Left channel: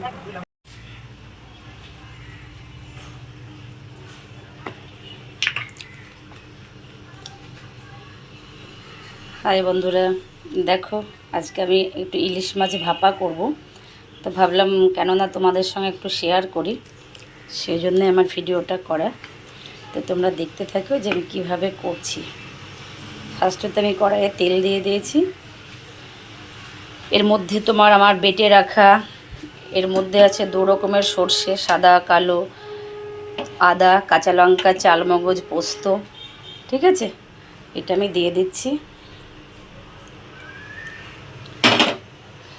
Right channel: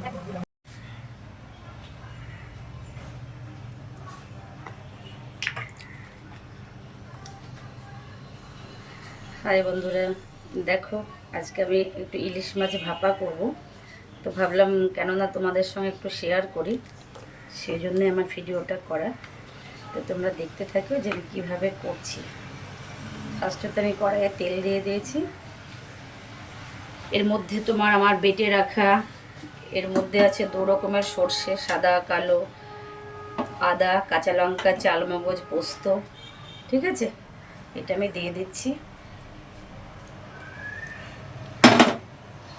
High বন্ধুরা, দেখো আজকে আমি একটু ইলিশ মাছ ভাপা করব। তো ভাবলাম কেননা তোমাদের সঙ্গে একটু শেয়ার করি, সেই জন্যে আমার ভিডিওটা করা। তো তোমরা দেখতে থাকো যে আমি কীভাবে করছি। ফার্স্টে তো আমি কড়াইয়ে তেল দিয়ে দিয়েছি। এর মধ্যে তোমার আমার বেটে রাখা, এর মধ্যে আছে 2 রকমের সর্ষে, সাদা কালো, আদা, কাঁচা লঙ্কা, চালমগজ, পোস্ত। ঠিক আছে, এটা আমি দিয়ে দিচ্ছি।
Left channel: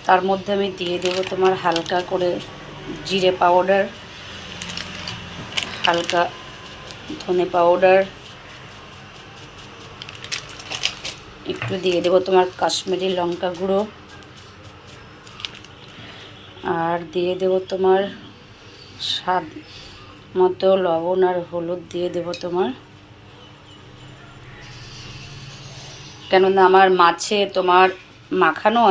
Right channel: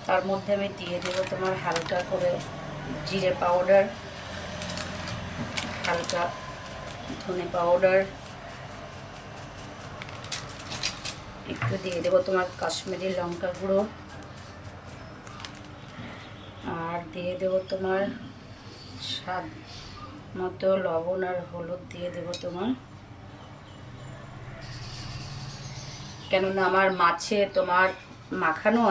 তার মধ্যে আমি দিয়ে দেব তোমার হালকা করে জিরে পাউডার, হালকা ধনে পাউডার, একটু দিয়ে দেব তোমার কাশ্মীরি লঙ্কা গুঁড়ো, আর দিয়ে দেব তোমার স্বাদ মতো লবণ আর হলুদ দিয়ে দেব তোমার। কেননা আমার মাছে তোমার মাখানো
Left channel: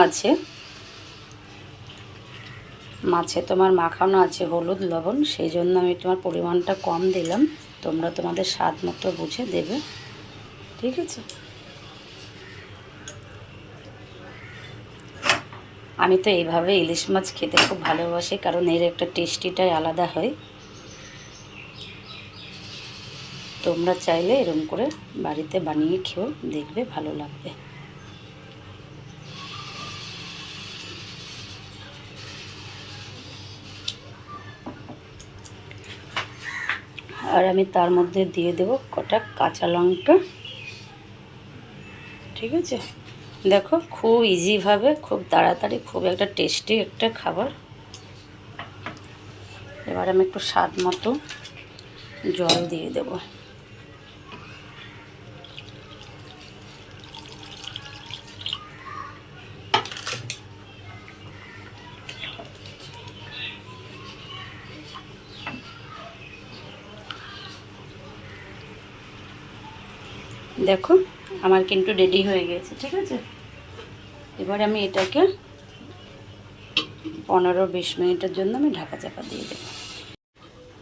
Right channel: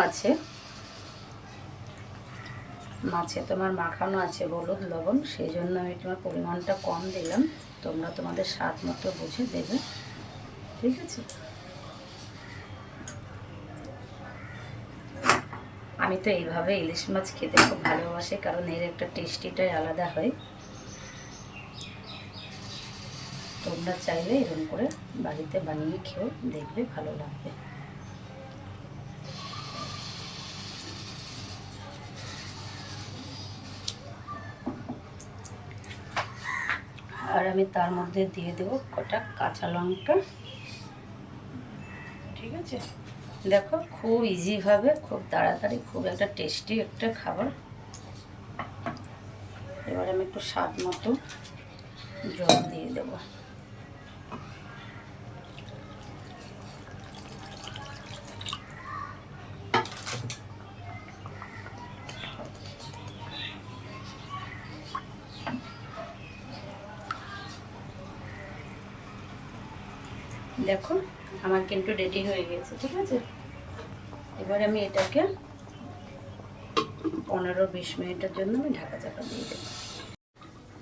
আছে, হলুদ লবণ, সেই জন্য আমি তোমার পরিমাণটা কম দিলাম। তোমরা তোমাদের স্বাদ মতো বুঝে দেবে। ঠিক আছে, আমি তো এইভাবে ইলিশ মাছ খেতে খুব ভালোবাসি, কারণ এর একটা টেস্টিটাই আলাদা হয়। তোমরা চাইলে এরকম করে বাড়িতে বানিয়ে খেয়েও দেখবে, ভালো লাগবে। আর আমি তার মধ্যে দিয়ে দেব কটা কাঁচা লঙ্কা। ঠিক আছে, দেখো খুব ইজিভাবে, খুব তাড়াতাড়ি, খুব একটা টেস্টি একটা খাবার। এবার আমি একটু স্বাদ মতো জল দিয়ে দেব। দেখো আমার কিন্তু রেডি হয়ে গেছে। ঠিক আছে, এবার আমি এটাকে 15-20 মিনিটের জন্য আমি ঢাকা চাপা দিয়ে দেবো।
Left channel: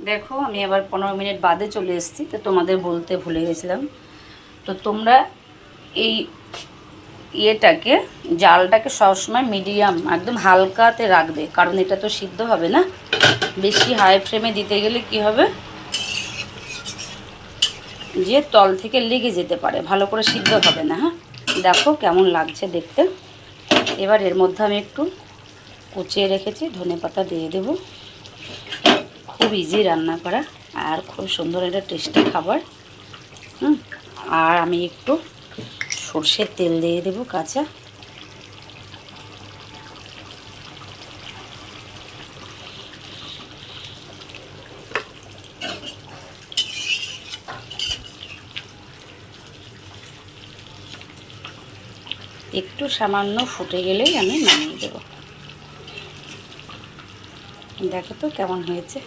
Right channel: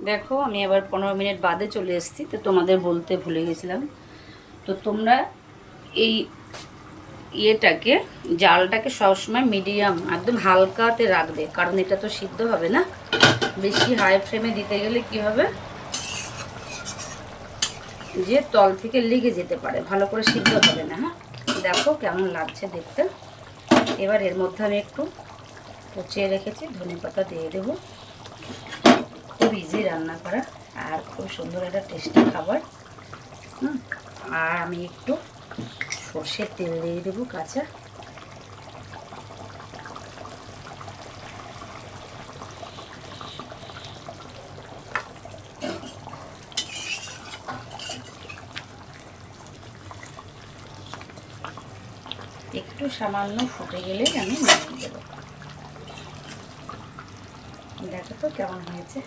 দেখো আমি আবার 15 মিনিট বাদে চলে এসেছি। তো তোমাদের বলতে ভুলে গেছিলাম, তো তোমরা এই ইয়েটাকে, জালটাকে সবসময় মিডিয়াম, একদম হালকাতে রাখবে, কারণ এটা তো সিদ্ধ হবে না। বেশি হাই ফ্লেমে দিতে গেলে কি হবে, যে তল থেকে লেগে যেতে পারে, ভালো করে সিদ্ধ হবে না। হ্যাঁ, দেখো কেমন লাগছে দেখতে। এবার এর মধ্যে আমি একটু কুচিয়ে রেখেছি ধনেপাতা দিয়ে দেব। খুব ইজি রান্না করা আর খুব সুন্দর একটা টেস্টি খাবার। আর আমি একটু সর্ষের তেল দিয়ে দেব কাঁচা। একটু সামান্য ফুটে গেলেই আমি নামিয়ে দেব। দেখো তো কেমন হয়েছে,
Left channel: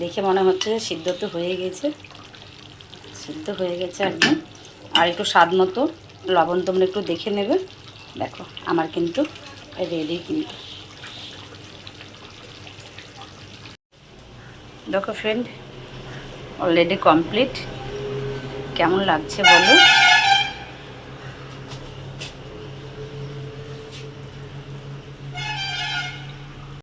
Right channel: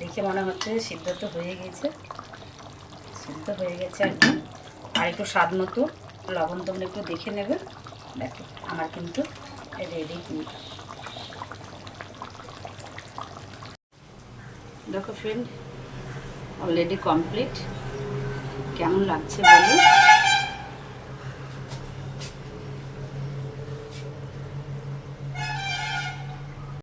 দেখে মনে হচ্ছে যে সিদ্ধ তো হয়ে গেছে, সিদ্ধ হয়ে গেছে একদম। আর একটু স্বাদ মতো লবণ তোমরা একটু দেখে নেবে। দেখো আমার কিন্তু রেডি। কিন্তু দেখো ফ্রেন্ড, অলরেডি কমপ্লিট। কেমন লাগছে বলো।